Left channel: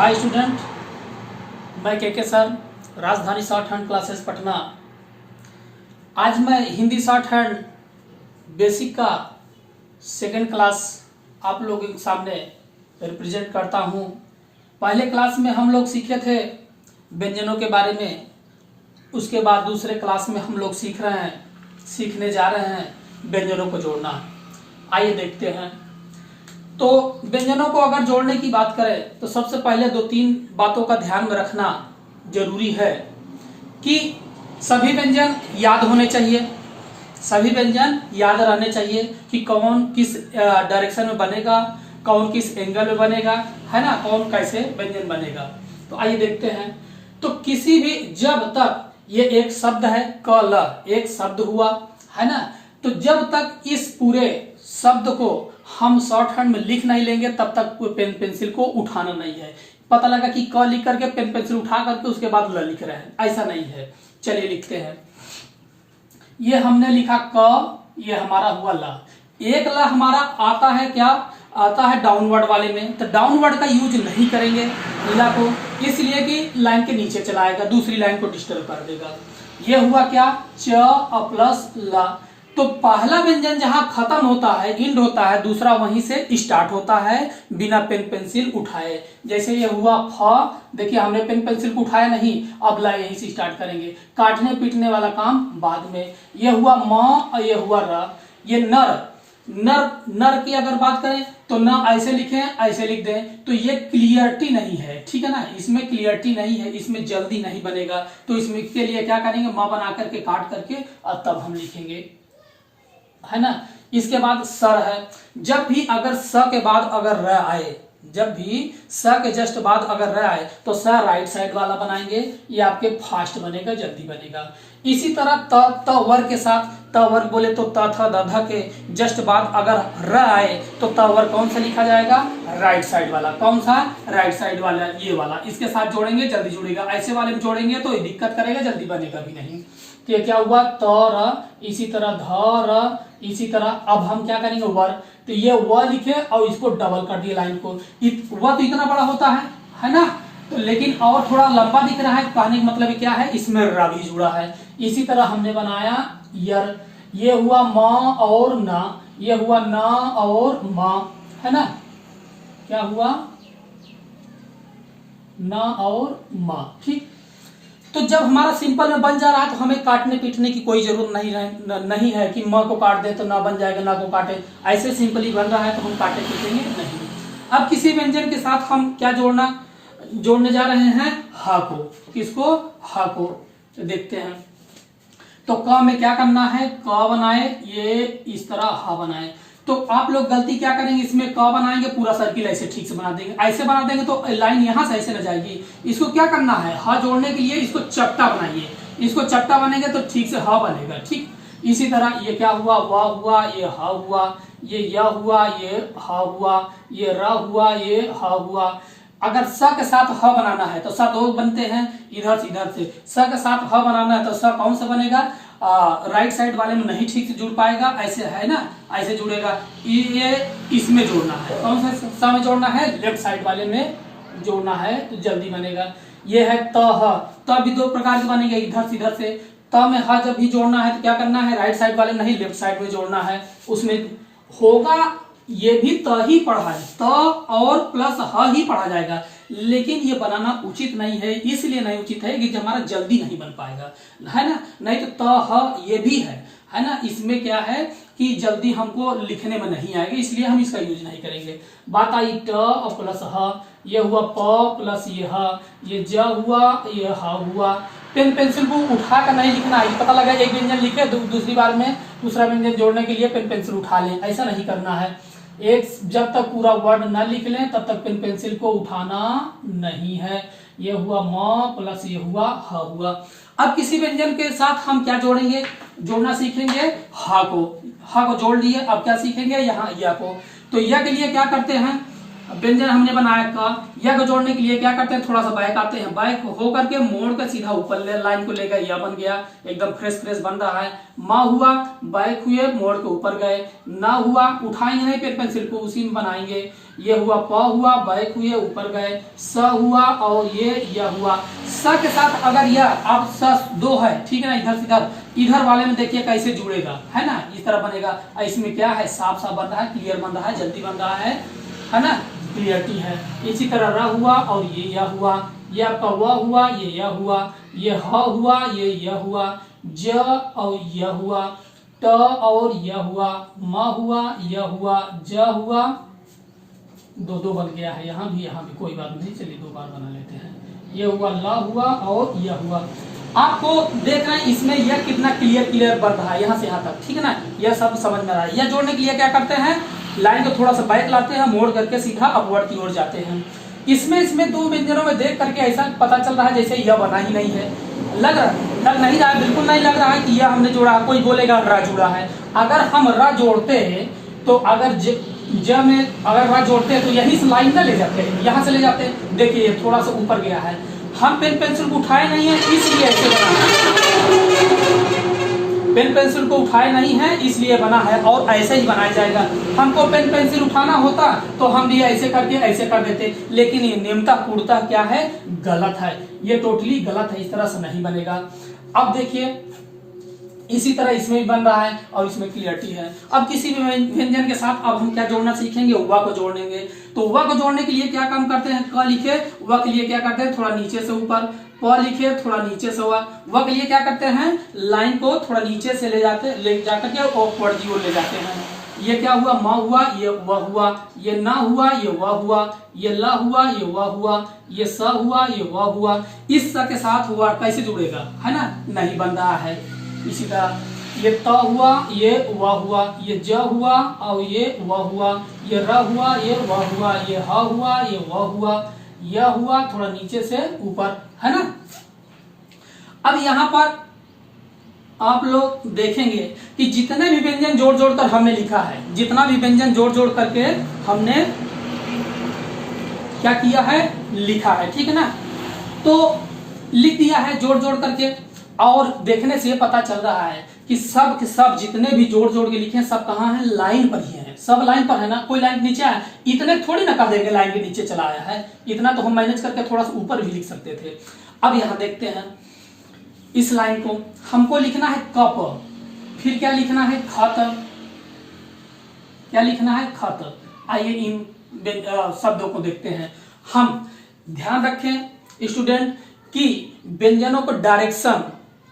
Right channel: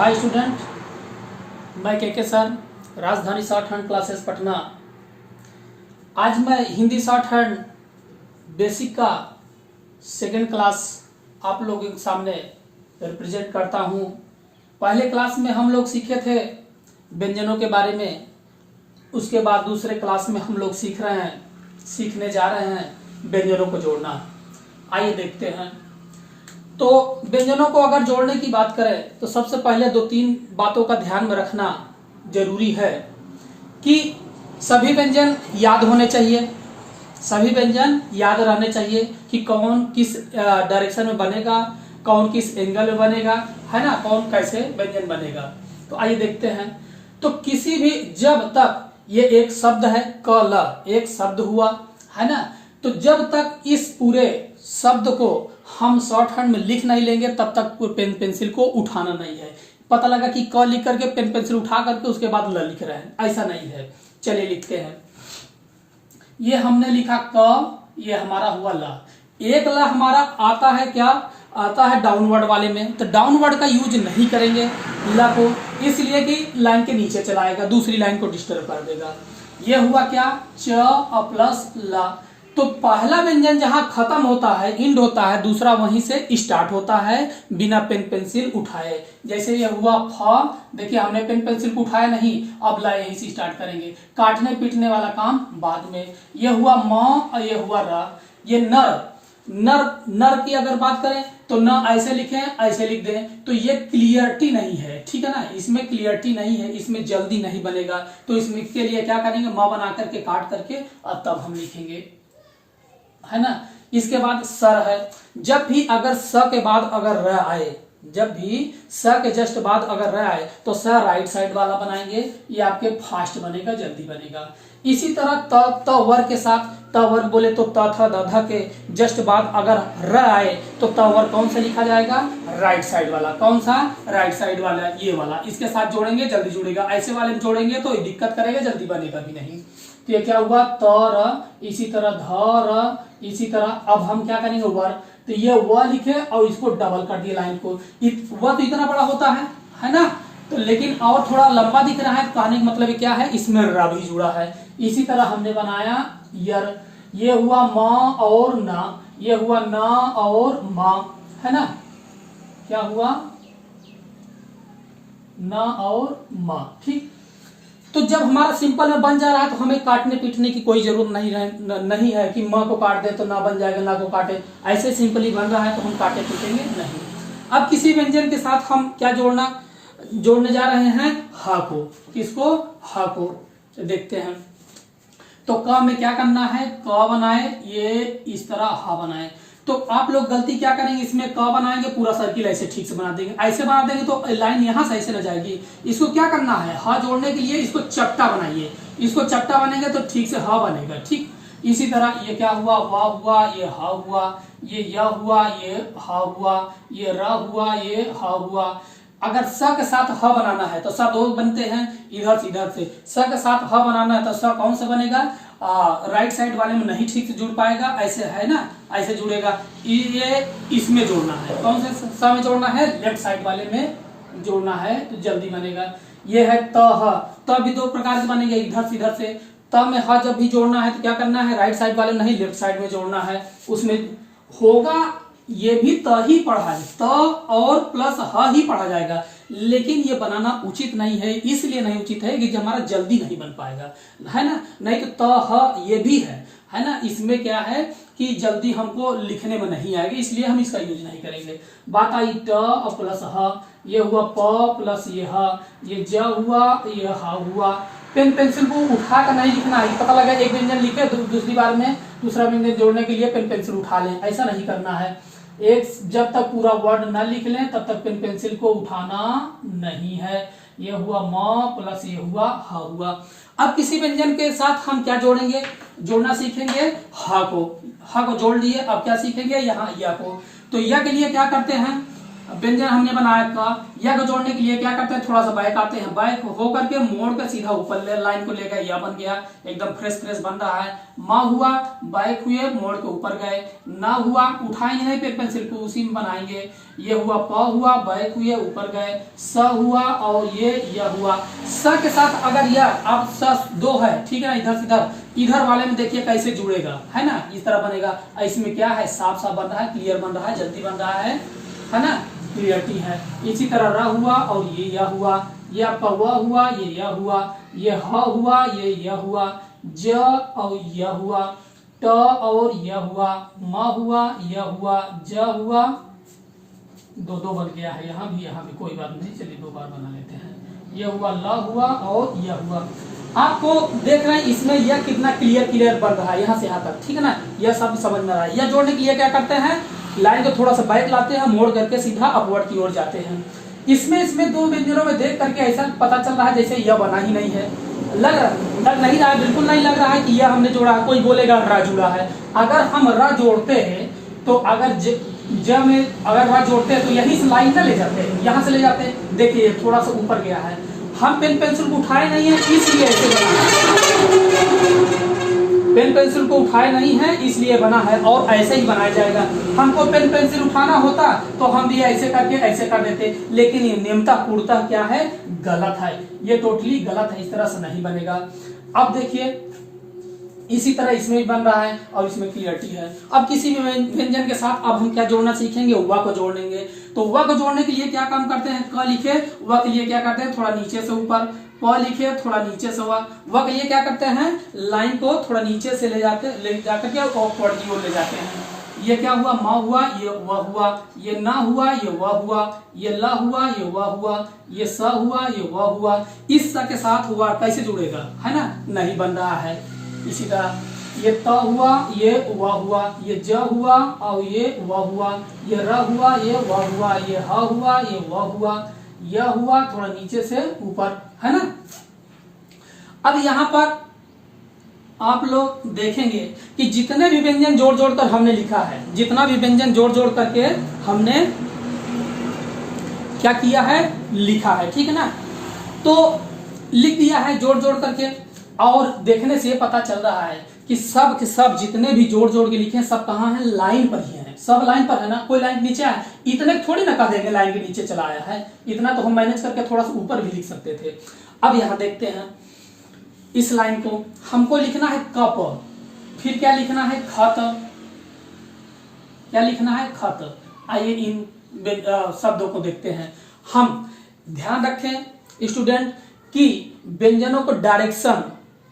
Hi student, मैं के sir, राजधानी शॉर्ट हैंड क्लासेस पटना। आज मैं हिंदी शॉर्ट हैंड बेसिक का सेकेंड क्लास आप लोगों के सामने रिप्रेजेंट करता हूँ। पहले क्लास में हम लोग सीखे थे व्यंजनों के बारे में, उसके बाद दूसरे क्लास में हम लोग सीखने जा रहे हैं व्यंजनों को जोड़ना। आइए देखते हैं। तो व्यंजनों को अगर जोड़ने की बात करें तो सबसे पहले दो तीन बातों का ध्यान में रखना जरूरी है कि सभी व्यंजन याद होने चाहिए, सभी व्यंजन याद रहने चाहिए कि कौन किस डायरेक्शन में बनेगा, कौन किस एंगल में बनेगा, है ना, कौन कैसे व्यंजन बनेगा। तो आइए देखते हैं। तो किसी भी, जब तक ये एक शब्द है क ल, एक शब्द हुआ, है ना, तो जब तक इस पूरे शब्द को हम शॉर्ट हैंड में लिख नहीं लेंगे तब तक पेन पेंसिल को उठाना नहीं है। पता लगा कि क लिख करके पेन पेंसिल उठा करके उसके बाद ल लिख रहे हैं, ऐसा नहीं है। चलिए लिखते हैं। ये हमने लिखा क, ये हमारा हुआ ल। एक ल हमारा आता है, क्या आता है, डाउनवर्ड वाले में। तो डाउनवर्ड का यूज नहीं करेंगे ला को, इसलिए कि लाइन के नीचे चलाएगा, दूसरी लाइन को डिस्टर्ब कर देगा। ये हुआ क्या, च और प्लस ला। तो पहला व्यंजन जहां खत्म होता है, इंड होता है, दूसरा वहीं से स्टार्ट होता है बिना पेन पेंसिल उठाए। जैसे ये हुआ फ, देखिए हमने पेन पेंसिल को उठाया नहीं, अब ला यहीं से स्टार्ट करेंगे। काटने पीटने वाला काम बाद में। ये हुआ म और ये हुआ र। ये नर, नर की अगर बात करें तो न ऐसे लिखें, ऐसे लिख दें, तो ये क्लियरिटी नहीं है, ठीक है ना, इसमें क्लियरिटी नहीं है, इसमें जल्दी नहीं बनेगा। तो इसमें के लिए क्या करेंगे, म बना करके काट करके और तब हम लिखेंगे, है ना। इसके बाद सर है। जब भी अगर स के बाद अगर र आए, जब भी स के जस्ट बाद अगर र आए तो स राइट साइड वाला बनाएंगे, ये आपके फास्ट बनेगा, जल्दी बनेगा। इसी तरह त वर्ग के साथ, त वर्ग बोले तो त थ द ध के जस्ट बाद अगर र आए तो त वर्ग कौन सा लिखा जाएगा, राइट साइड वाला। कौन सा, राइट साइड वाला, ये वाला। इसके साथ जोड़ेंगे जल्दी जुड़ेगा, ऐसे वाले में जोड़ेंगे तो दिक्कत करेगा, जल्दी बनेगा भी नहीं। तो ये क्या हुआ, त र, इसी तरह ध र, इसी तरह अब हम क्या करेंगे, वर। तो ये व लिखे और इसको डबल कर दिए लाइन को। व तो इतना बड़ा होता है ना, तो लेकिन और थोड़ा लंबा दिख रहा है, कहने का मतलब क्या है, इसमें र भी जुड़ा है। इसी तरह हमने बनाया यर। ये हुआ म और न, ये हुआ न और म, है ना, क्या हुआ, न और म, ठीक। तो जब हमारा सिंपल में बन जा रहा है तो हमें काटने पीटने की कोई जरूरत नहीं है कि म को काट दे तो ना बन जाएगा, ना को काटे, ऐसे सिंपली बन रहा है तो हम काटे पीटेंगे नहीं। अब किसी व्यंजन के साथ हम क्या जोड़ने जा रहे हैं, हा को। किसको, हा को। तो देखते हैं। तो क में क्या करना है, क बनाए, ये इस तरह हा बनाए। तो आप लोग गलती क्या करेंगे, इसमें क बनाएंगे, पूरा सर्किल ऐसे ठीक से बना देंगे। ऐसे बना देंगे तो लाइन यहां से ऐसे न जाएगी। इसको क्या करना है, ह जोड़ने के लिए इसको चपटा बनाइए। इसको चपटा बनेंगे तो ठीक से ह बनेगा, ठीक। इसी तरह ये क्या हुआ, वा हुआ, ये ह हुआ, ये य हुआ, ये ह हुआ, ये र हुआ, ये ह हुआ। अगर स के साथ ह बनाना है तो स दो बनते हैं, इधर से इधर से। स के साथ ह बनाना है तो स कौन सा बनेगा, राइट साइड वाले में नहीं ठीक से जुड़ पाएगा, ऐसे है ना, ऐसे जुड़ेगा। ये इसमें जोड़ना है, कौन से स में जोड़ना है, लेफ्ट साइड वाले में जोड़ना है, तो जल्दी बनेगा। ये है त ह, त भी दो प्रकार से बनेंगे, इधर से इधर से। त में ह जब भी जोड़ना है तो क्या करना है, राइट साइड वाले नहीं, लेफ्ट साइड में जोड़ना है। उसमें होगा, ये भी त ही पढ़ा है, त और प्लस ह ही पढ़ा जाएगा, लेकिन ये बनाना उचित नहीं है। इसलिए नहीं उचित है कि हमारा जल्दी नहीं बन पाएगा, है ना। नहीं तो त ह ये भी है ना। इसमें क्या है कि जल्दी हमको लिखने में नहीं आएगा, इसलिए हम इसका यूज नहीं करेंगे। बात आई ट और प्लस ह, ये हुआ प प्लस ये ह, ये ज हुआ, ये ह हुआ। पेन पेंसिल को उठा कर नहीं लिखना है। पता लगा एक व्यंजन लिखे, दूसरी बार में दूसरा व्यंजन जोड़ने के लिए पेन पेंसिल उठा लें, ऐसा नहीं करना है। एक जब तक पूरा वर्ड न लिख लें तब तक पेन पेंसिल को उठाना नहीं है। ये हुआ म प्लस ये हुआ ह हुआ। अब किसी व्यंजन के साथ हम क्या जोड़ेंगे, जोड़ना सीखेंगे, हा को। हा को जोड़ लिए, अब क्या सीखेंगे, यहाँ या को। तो या के लिए क्या करते हैं, व्यंजन हमने बनाया क, या को जोड़ने के लिए क्या करते हैं, थोड़ा सा बैक आते हैं, बैक होकर के मोड़ के सीधा ऊपर लाइन को ले गए, या बन गया, एकदम फ्रेश बन रहा है। माँ हुआ, बैक हुए, मोड़ के ऊपर गए। ना हुआ, उठाएंगे नहीं पेन पेंसिल को, उसी में बनाएंगे। ये हुआ, प हुआ, बैक हुए, ऊपर गए। स हुआ और ये य हुआ। स के साथ अगर यह अब स दो है, ठीक है ना, इधर से इधर, इधर वाले में देखिए कैसे जुड़ेगा, है ना, इस तरह बनेगा। इसमें क्या है, साफ साफ बन रहा है, क्लियर बन रहा है, जल्दी बन रहा है ना, क्लियरिटी है। इसी तरह र हुआ और ये या हुआ, ये आपका व हुआ, ये या हुआ, ये ह हुआ, ये य हुआ, ज और य हुआ, ट और य हुआ, म हुआ, य हुआ, ज हुआ, दो दो बन गया है, यहाँ भी कोई बात नहीं, चलिए दो बार बना लेते हैं। ये हुआ, ल हुआ और य हुआ। आपको देख रहे हैं इसमें यह कितना क्लियर बन रहा है, यहाँ से यहाँ तक, ठीक है ना, यह सब समझ में आ रहा है। यह जोड़ने के लिए क्या करते हैं, लाइन को थोड़ा सा बैक लाते हैं, मोड़ करके सीधा अपवर्ड की ओर जाते हैं। इसमें दो व्यंजनों में देख करके ऐसा पता चल रहा है जैसे यह बना ही नहीं है, लग नहीं रहा है, बिल्कुल नहीं लग रहा है कि यह हमने जोड़ा है। कोई बोलेगा र जुड़ा है। अगर हम र जोड़ते हैं तो अगर ज में अगर र जोड़ते हैं तो यही से लाइन ना ले जाते हैं, यहाँ से ले जाते हैं। देखिए थोड़ा सा ऊपर गया है, हम पेन पेंसिल को उठाए नहीं है इसलिए ऐसे बना है, पेन पेंसिल को उठाए नहीं है इसलिए बना है, और ऐसे ही बनाया जाएगा। हमको पेन पेंसिल उठाना होता तो हम भी ऐसे करके ऐसे कर देते, लेकिन ये नियमता पूर्णतः क्या है, गलत है, ये टोटली गलत है, इस तरह से नहीं बनेगा। अब देखिए इसी तरह इसमें भी बन रहा है और इसमें क्लियरिटी है। अब किसी भी व्यंजन के साथ अब हम क्या जोड़ना सीखेंगे, व को जोड़ेंगे। तो व को जोड़ने के लिए क्या काम करते हैं, क लिखे, व के लिए क्या करते हैं, थोड़ा नीचे से ऊपर, प लिखे, थोड़ा नीचे से व के लिए क्या करते हैं, लाइन को थोड़ा नीचे से ले जाकर के अपवर्ड की ओर ले जाते हैं। ये क्या हुआ, म हुआ, ये व हुआ, ये ना हुआ, ये व हुआ, ये ल हुआ, ये व हुआ, ये स हुआ, ये व हुआ। इस स के साथ हुआ कैसे जुड़ेगा, है ना, नहीं बन रहा है। इसी तरह ये त हुआ, ये व हुआ, ये ज हुआ और ये व हुआ, ये र हुआ, ये व हुआ, ये ह हुआ, ये व हुआ, यह हुआ, थोड़ा नीचे से ऊपर, है ना। अब यहाँ पर आप लोग देखेंगे कि जितने भी व्यंजन जोड़ जोड़ कर हमने लिखा है, जितना भी व्यंजन जोड़ जोड़ करके हमने क्या किया है, लिखा है, ठीक है ना। तो लिख दिया है जोड़ जोड़ करके, और देखने से पता चल रहा है कि सब के सब जितने भी जोड़ जोड़ के लिखे हैं सब कहाँ है, लाइन पर ही है, सब लाइन पर है ना, कोई लाइन नीचे है, इतने थोड़ी ना कर देंगे लाइन के नीचे चला आया है, इतना तो हम मैनेज करके थोड़ा सा ऊपर भी लिख सकते थे। अब यहाँ देखते हैं इस लाइन को हमको लिखना है कप, फिर क्या लिखना है, खत, क्या लिखना है, खत। आइए इन शब्दों को देखते हैं। हम ध्यान रखें स्टूडेंट कि व्यंजनों को डायरेक्शन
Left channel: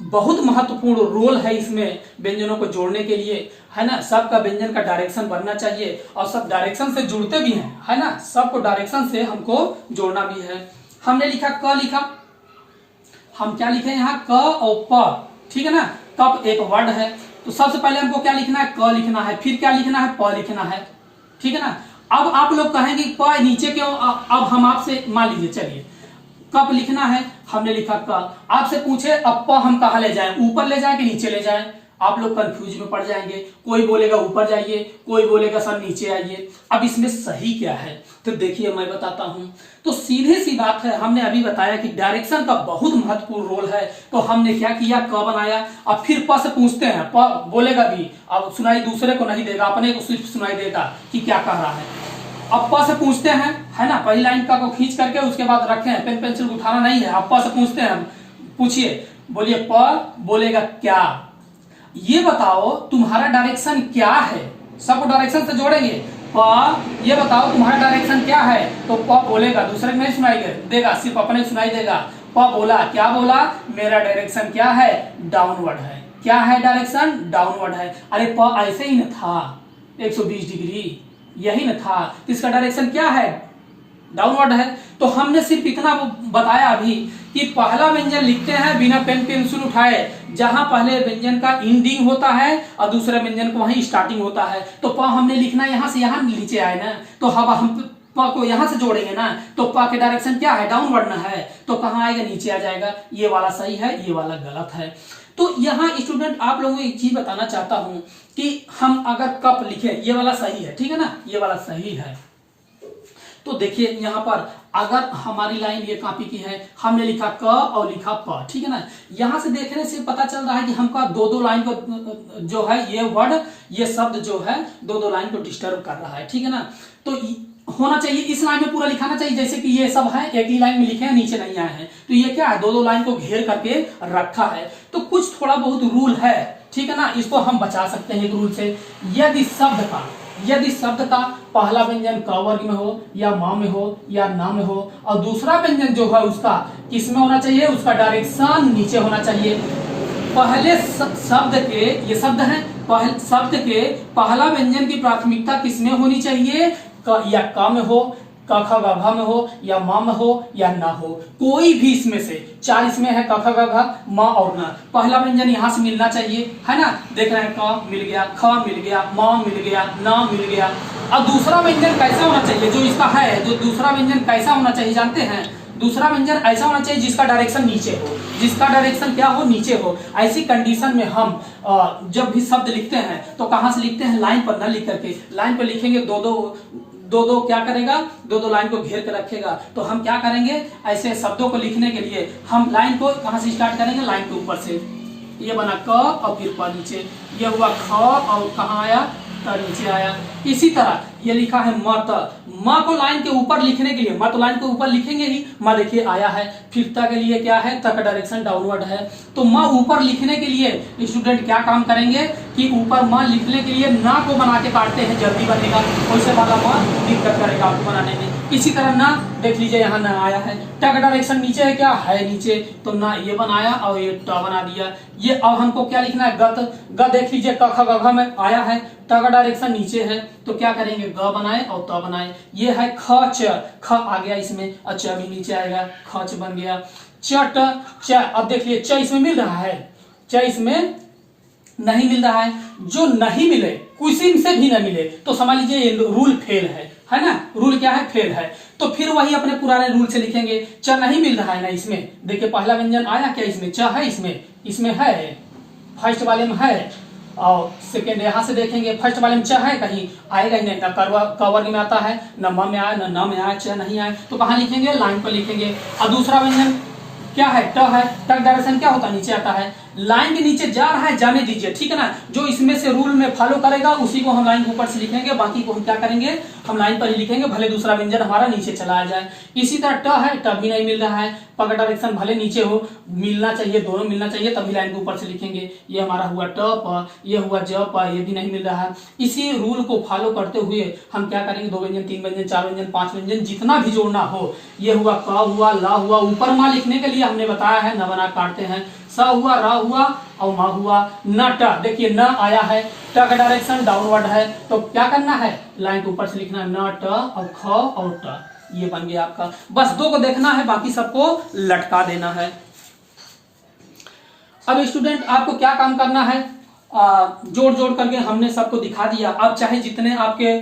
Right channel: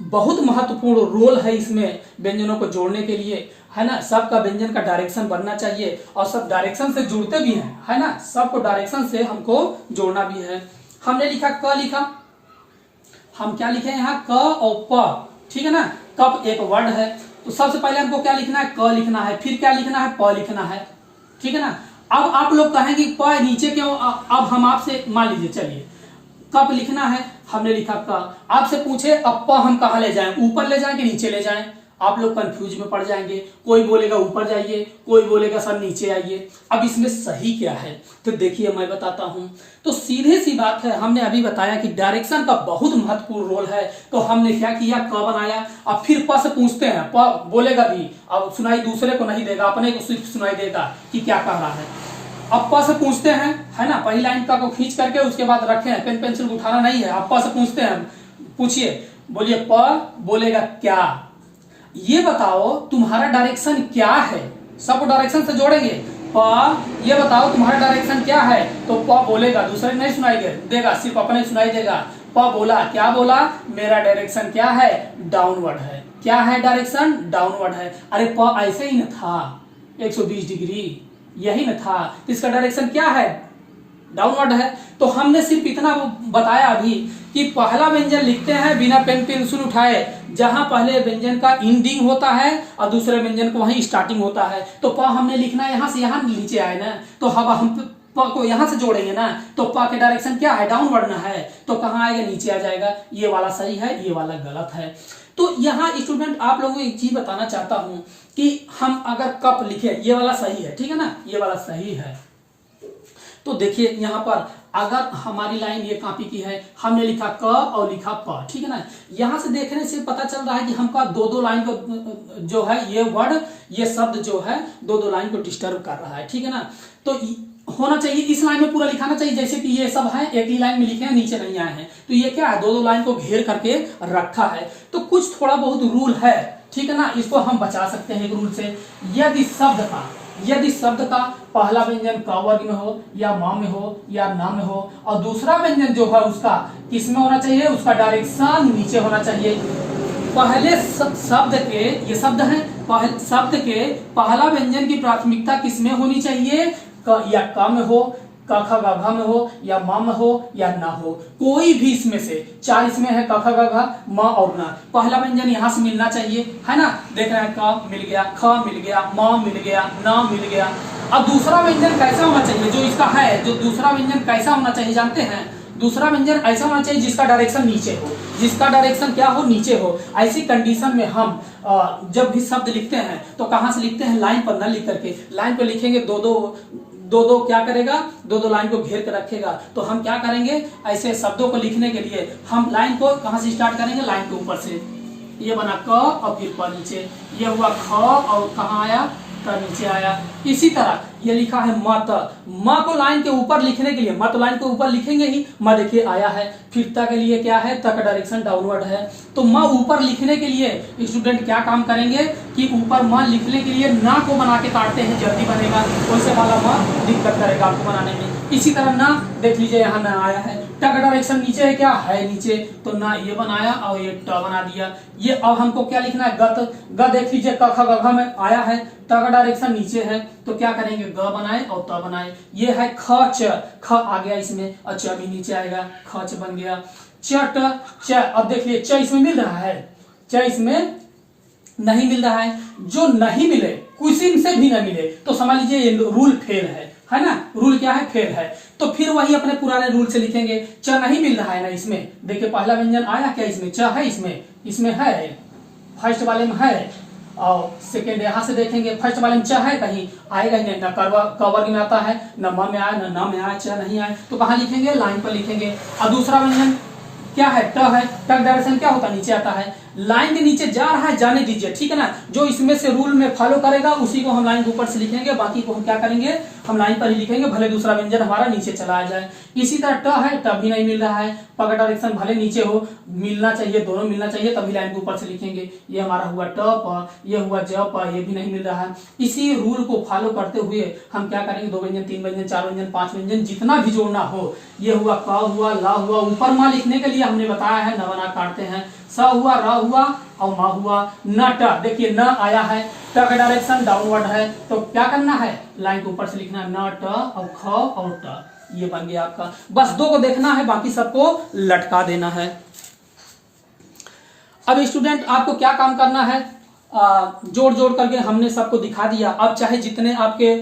बहुत महत्वपूर्ण रोल है इसमें, व्यंजनों को जोड़ने के लिए, है ना। सबका व्यंजन का डायरेक्शन बनना चाहिए और सब डायरेक्शन से जुड़ते भी हैं, है ना, सबको डायरेक्शन से हमको जोड़ना भी है। हमने लिखा क लिखा, हम क्या लिखे यहाँ, क और प, ठीक है ना। कप एक वर्ड है, तो सबसे पहले हमको क्या लिखना है, क लिखना है, फिर क्या लिखना है, प लिखना है, ठीक है ना। अब आप लोग कहेंगे प नीचे क्यों, अब हम आपसे मान लीजिए, चलिए कप लिखना है, हमने लिखा क, आपसे पूछे अब प हम कहाँ ले जाएं, ऊपर ले जाएं कि नीचे ले जाएं, आप लोग कंफ्यूज में पड़ जाएंगे। कोई बोलेगा ऊपर जाइए, कोई बोलेगा सर नीचे आइए। अब इसमें सही क्या है, तो देखिए मैं बताता हूं। तो सीधी सी बात है, हमने अभी बताया कि डायरेक्शन का बहुत महत्वपूर्ण रोल है, तो हमने क्या किया, क बनाया। अब फिर प से पूछते हैं, प बोलेगा भी, अब सुनाई दूसरे को नहीं देगा, अपने को सिर्फ सुनाई देगा कि क्या कह रहा है। अब प से पूछते हैं, है ना, पहली लाइन का को खींच करके उसके बाद रखे हैं, पेन पेंसिल उठाना नहीं है। अब प से पूछते हैं, पूछिए, बोलिए प, बोलेगा क्या, ये बताओ तुम्हारा डायरेक्शन क्या है, सबको डायरेक्शन से जोड़ेंगे। प, ये बताओ तुम्हारा डायरेक्शन क्या है, तो प बोलेगा, दूसरे नहीं सुनाई देगा, सिर्फ अपने सुनाई देगा। प बोला, क्या बोला, मेरा डायरेक्शन क्या है, डाउनवर्ड है। क्या है, डायरेक्शन डाउनवर्ड है। अरे प ऐसे ही न था 120 डिग्री, यही न था, इसका डायरेक्शन क्या है, डाउनवर्ड है। तो हमने सिर्फ इतना बताया अभी कि पहला व्यंजन लिखते हैं बिना पेन पेंसिल उठाए, जहां पहले व्यंजन का एंडिंग होता है और दूसरे व्यंजन को वहीं स्टार्टिंग होता है। तो प हमने लिखना यहां से यहां नीचे आए ना, तो हम प को यहां से जोड़ेंगे ना, तो प के डायरेक्शन क्या है, डाउनवर्ड ना है, तो कहां आएगा, नीचे आ जाएगा। ये वाला सही है, ये वाला गलत है। तो यहाँ स्टूडेंट आप लोगों को एक चीज बताना चाहता हूं कि हम अगर कप लिखे, ये वाला सही है, ठीक है ना, ये वाला सही है, तो देखिए यहाँ पर अगर हमारी लाइन ये कॉपी की है, हमने लिखा क और लिखा प, ठीक है ना। यहाँ से देखने से पता चल रहा है कि हमका दो दो लाइन को जो है ये वर्ड, ये शब्द जो है दो दो लाइन को डिस्टर्ब कर रहा है, ठीक है ना। तो होना चाहिए इस लाइन में पूरा लिखाना चाहिए, जैसे कि ये सब है एक ही लाइन में लिखे हैं, नीचे नहीं आए हैं, तो ये क्या है, दो दो लाइन को घेर करके रखा है। तो कुछ थोड़ा बहुत रूल है, ठीक है ना, इसको हम बचा सकते हैं एक रूल से। यदि शब्द का पहला व्यंजन क वर्ग में हो या म में हो या न में हो, और दूसरा व्यंजन जो है उसका किस में होना चाहिए, उसका डायरेक्शन नीचे होना चाहिए। पहले शब्द के, ये शब्द है, शब्द के पहला व्यंजन की प्राथमिकता किस में होनी चाहिए, क या क में हो, क ख ग घ में हो या म में हो या न हो, कोई भी इसमें से, चार इसमें है क ख ग घ म और न, पहला व्यंजन यहाँ से मिलना चाहिए, है ना। देख रहे हैं क मिल गया, ख मिल गया, म मिल गया, न मिल गया। अब दूसरा व्यंजन कैसा होना चाहिए, जो इसका है, जो दूसरा व्यंजन कैसा होना चाहिए जानते हैं, दूसरा व्यंजन ऐसा होना चाहिए जिसका डायरेक्शन नीचे हो, जिसका डायरेक्शन क्या हो, नीचे हो। ऐसी कंडीशन में हम जब भी शब्द लिखते हैं तो कहाँ से लिखते हैं, लाइन पर न लिख करके, लाइन पे लिखेंगे दो दो क्या करेगा, दो दो लाइन को घेर कर रखेगा। तो हम क्या करेंगे, ऐसे शब्दों को लिखने के लिए हम लाइन को कहाँ से स्टार्ट करेंगे, लाइन के ऊपर से। ये बना क और फिर प नीचे, ये हुआ ख और कहाँ आया, त नीचे आया। इसी तरह ये लिखा है मत, म को लाइन के ऊपर लिखने के लिए, म तो लाइन के ऊपर लिखेंगे ही, म देखिए आया है। फिर त के लिए क्या है, त का डायरेक्शन डाउनवर्ड है, तो म ऊपर लिखने के लिए स्टूडेंट क्या काम करेंगे कि ऊपर म लिखने के लिए ना को बना के काटते हैं, जल्दी बनेगा, वैसे वाला म दिक्कत करेगा आपको बनाने में। इसी तरह ना देख लीजिए, यहाँ ना आया है, ट का डायरेक्शन नीचे है, क्या है नीचे, तो ना ये बनाया और ये ट बना दिया। ये अब हमको क्या लिखना है, ग देख लीजिए क ख ग घ में आया है, ट का डायरेक्शन नीचे है, तो क्या करेंगे, ग बनाए और त बनाए। ये है ख च, ख आ गया इसमें और च भी नीचे आएगा, ख च बन गया। च ट च, अब देख लिए च इसमें मिल रहा है, च इसमें नहीं मिल रहा है। जो नहीं मिले, किसी से भी न मिले, तो समझ लीजिए ये रूल फेल है ना। रूल क्या है, फेल है। तो फिर वही अपने पुराने रूल से लिखेंगे। च नहीं मिल रहा है ना इसमें, देखिए पहला व्यंजन आया क्या इसमें, च है इसमें है, फर्स्ट वाले में है, और सेकेंड यहाँ से देखेंगे फर्स्ट वाले में च है, कहीं आएगा ही नहीं, न क वर्ग में आता है, न म में आया, न में आया, च नहीं आया, तो कहाँ लिखेंगे, लाइन पर लिखेंगे। और दूसरा व्यंजन क्या है, ट है, ट डायरेक्शन क्या होता है, नीचे आता है, लाइन के नीचे जा रहा है, जाने दीजिए, ठीक है ना। जो इसमें से रूल में फॉलो करेगा उसी को हम लाइन के ऊपर से लिखेंगे, बाकी को हम क्या करेंगे, हम लाइन पर ही लिखेंगे, भले दूसरा व्यंजन हमारा नीचे चला जाए। इसी तरह ट है, ट भी नहीं मिल रहा है, प का डायरेक्शन भले नीचे हो, मिलना चाहिए, दोनों मिलना चाहिए, तभी लाइन के ऊपर से लिखेंगे। ये हमारा हुआ ट प, ये हुआ ज प, ये भी नहीं मिल रहा है। इसी रूल को फॉलो करते हुए हम क्या करेंगे, दो व्यंजन, तीन व्यंजन, चार व्यंजन, पांच व्यंजन, जितना भी जोड़ना हो। ये हुआ क हुआ, ला हुआ, ऊपर माँ लिखने के लिए हमने बताया है, न बना काटते हैं, स हुआ, र हुआ और म हुआ, न ट, देखिए न आया है, ट का डायरेक्शन डाउनवर्ड है, तो क्या करना है, लाइन के ऊपर से लिखना है, न ट और ख और ट, ये बन गया आपका। बस दो को देखना है, बाकी सबको लटका देना है। अब स्टूडेंट आपको क्या काम करना है, जोड़ जोड़ करके हमने सबको दिखा दिया। अब चाहे जितने आपके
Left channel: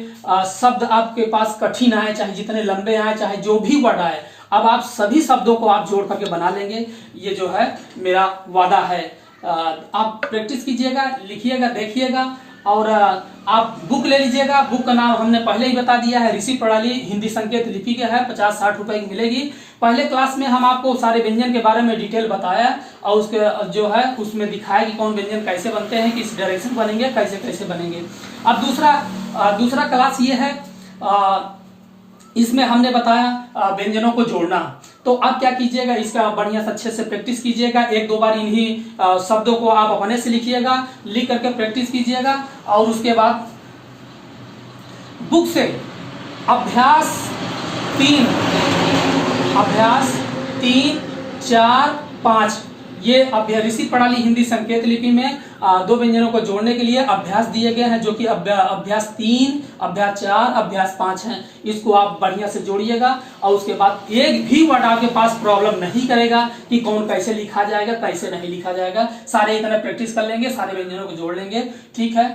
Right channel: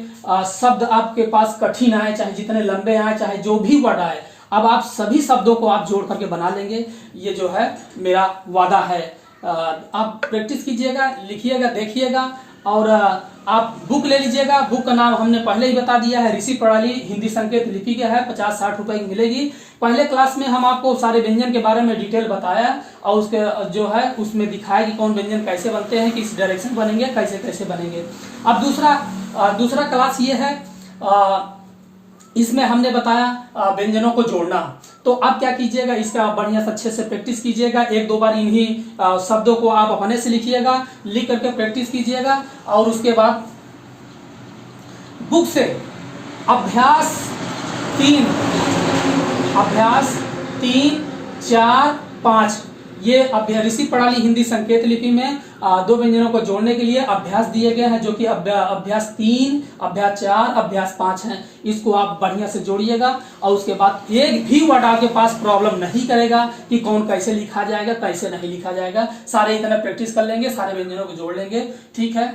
शब्द आपके पास कठिन आए, चाहे जितने लंबे आए, चाहे जो भी वर्ड आए, अब आप सभी शब्दों को आप जोड़ करके बना लेंगे, ये जो है मेरा वादा है। आप प्रैक्टिस कीजिएगा, लिखिएगा, देखिएगा, और आप बुक ले लीजिएगा। बुक का नाम हमने पहले ही बता दिया है, ऋषि प्रणाली हिंदी संकेत लिपि के है, 50-60 रुपए की मिलेगी। पहले क्लास में हम आपको सारे व्यंजन के बारे में डिटेल बताया, और उसके जो है उसमें दिखाया कि कौन व्यंजन कैसे बनते हैं, किस डायरेक्शन बनेंगे, कैसे कैसे बनेंगे। अब दूसरा क्लास ये है, इसमें हमने बताया व्यंजनों को जोड़ना। तो आप क्या कीजिएगा, इसका बढ़िया से अच्छे से प्रैक्टिस कीजिएगा। एक दो बार इन्हीं शब्दों को आप अपने से लिखिएगा, लिख करके प्रैक्टिस कीजिएगा, और उसके बाद बुक से अभ्यास 3, 4, 5 ये ऋषि प्रणाली हिंदी संकेत लिपि में दो व्यंजनों को जोड़ने के लिए अभ्यास दिए गए हैं, जो कि अभ्यास 3, अभ्यास 4, अभ्यास 5 हैं। इसको आप बढ़िया से जोड़िएगा, और उसके बाद एक भी वर्ड आपके पास प्रॉब्लम नहीं करेगा कि कौन कैसे लिखा जाएगा, कैसे नहीं लिखा जाएगा। सारे इतना प्रैक्टिस कर लेंगे, सारे व्यंजनों को जोड़ लेंगे, ठीक है।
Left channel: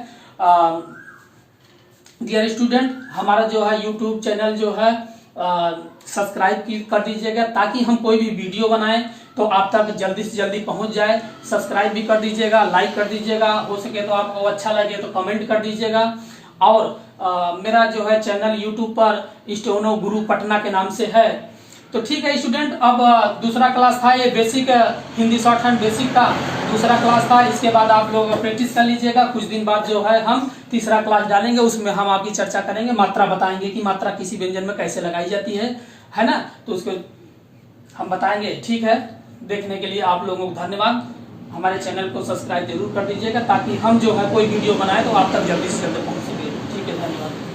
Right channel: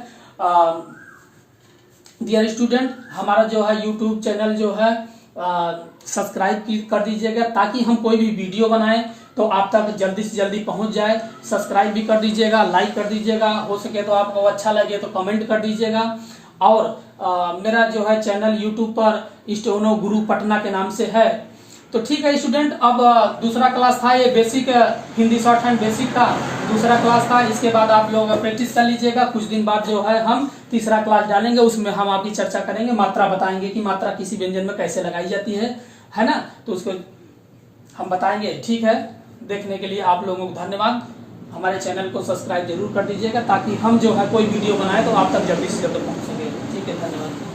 डियर स्टूडेंट, हमारा जो है यूट्यूब चैनल जो है सब्सक्राइब कर दीजिएगा, ताकि हम कोई भी वीडियो बनाएं तो आप तक जल्दी से जल्दी पहुंच जाए। सब्सक्राइब भी कर दीजिएगा, लाइक कर दीजिएगा, हो सके तो आपको अच्छा लगे तो कमेंट कर दीजिएगा, और मेरा जो है चैनल यूट्यूब पर स्टेनो गुरु पटना के नाम से है। तो ठीक है स्टूडेंट, अब दूसरा क्लास था ये basic Hindi short hand basic का दूसरा क्लास था। इसके बाद आप लोग प्रैक्टिस कर लीजिएगा। कुछ दिन बाद जो है हम तीसरा क्लास डालेंगे, उसमें हम आपकी चर्चा करेंगे, मात्रा बताएंगे कि मात्रा किसी व्यंजन में कैसे लगाई जाती है ना, तो उसको हम बताएंगे। ठीक है, देखने के लिए आप लोगों को धन्यवाद। हमारे चैनल को सब्सक्राइब जरूर कर दीजिएगा ताकि हम जो है कोई वीडियो बनाए तो आप तक जल्दी से जल्दी पहुंच सके। ठीक है, धन्यवाद।